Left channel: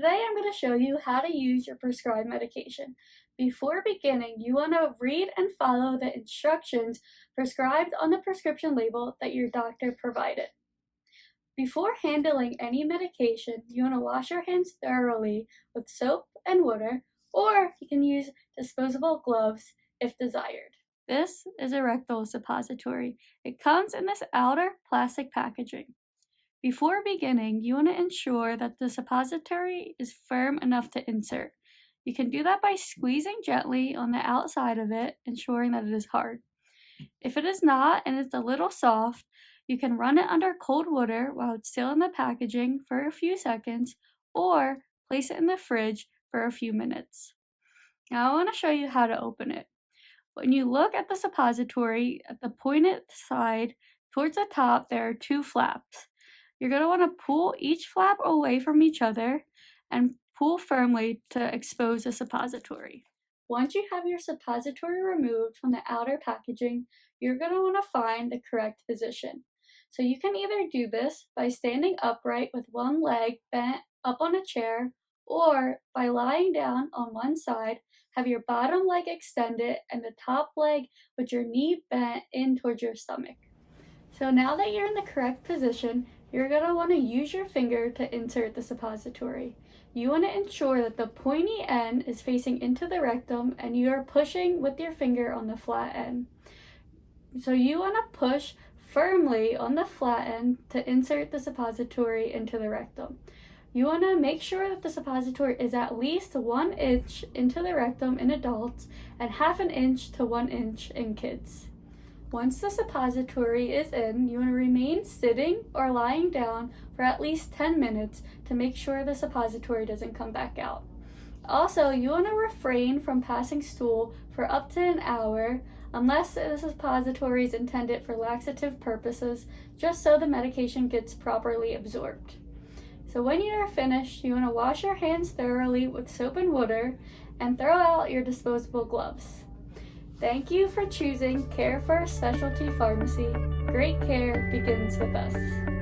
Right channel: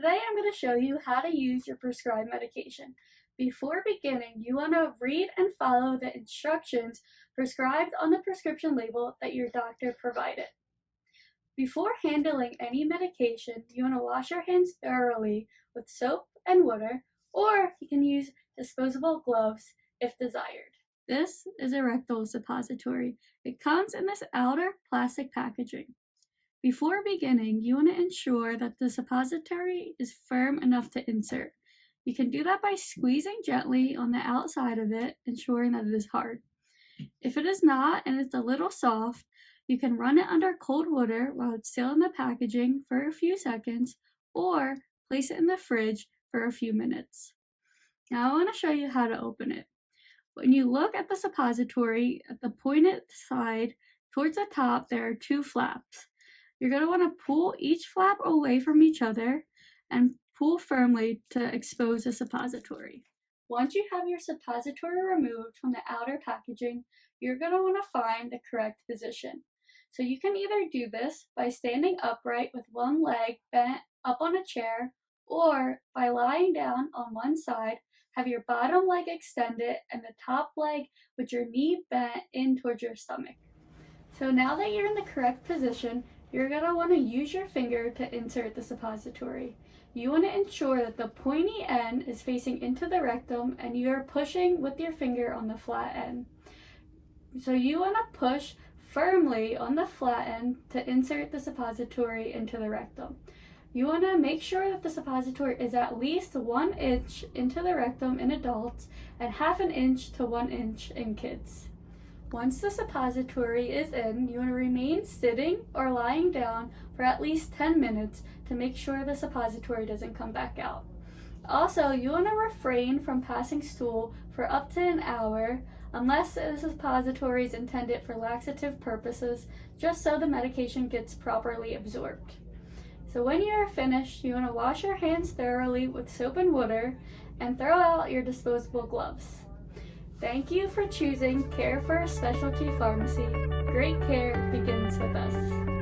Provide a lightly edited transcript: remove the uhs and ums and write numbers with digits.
Today I'm going to show you how to use your prescribed medication. Before beginning, you want to read and follow the instructions prescribed on the prescription label that your doctor provided. Before handling any medication, you want to wash your hands thoroughly with soap and water, or you can use disposable gloves if desired. This is a rectal suppository. It comes in this outer plastic packaging. Before beginning, you want to ensure that the suppository is firm enough to insert. You can do that by squeezing gently on the outside of it, ensuring that it is hard. If it is not and it's a little soft, you can run it under cold water while it's still in the packaging for a few seconds, or place it in the fridge for a few minutes. Now I want to show you how to open it. When you look at the suppository, at the pointed side towards the top, there are two flaps. You're going to want to pull each flap away from each other and pull firmly to expose the suppository. Once you have your suppository removed from the outer packaging, you're going to want to find the correct position. So you can either do this by standing upright with one leg bent up on a chair, or by lying down on one side, have your bottom leg extended and the top leg with your knee bent in towards your stomach. So now that you're in the correct position, you're going to want to use your finger to insert the suppository. You want to ensure that the pointy end is facing into the rectum and you are pushing with your finger on the flat end. So you want to push firmly on the flat end to insert the suppository into the rectum. You want to make sure that the suppository is at least 1 inch into the rectum in adults and half an inch to 1 inch in kids. Once the suppository is in, you want to remain sitting or lying down for at least 10 minutes to make sure the suppository doesn't come back out. Also, you want to refrain from passing stool for up to an hour unless the suppository is intended for laxative purposes, just so the medication gets properly absorbed. So when you are finished, you want to wash your hands thoroughly with soap and water and throw out your disposable gloves. Thank you for choosing Care for a Specialty Pharmacy. Great care begins with us.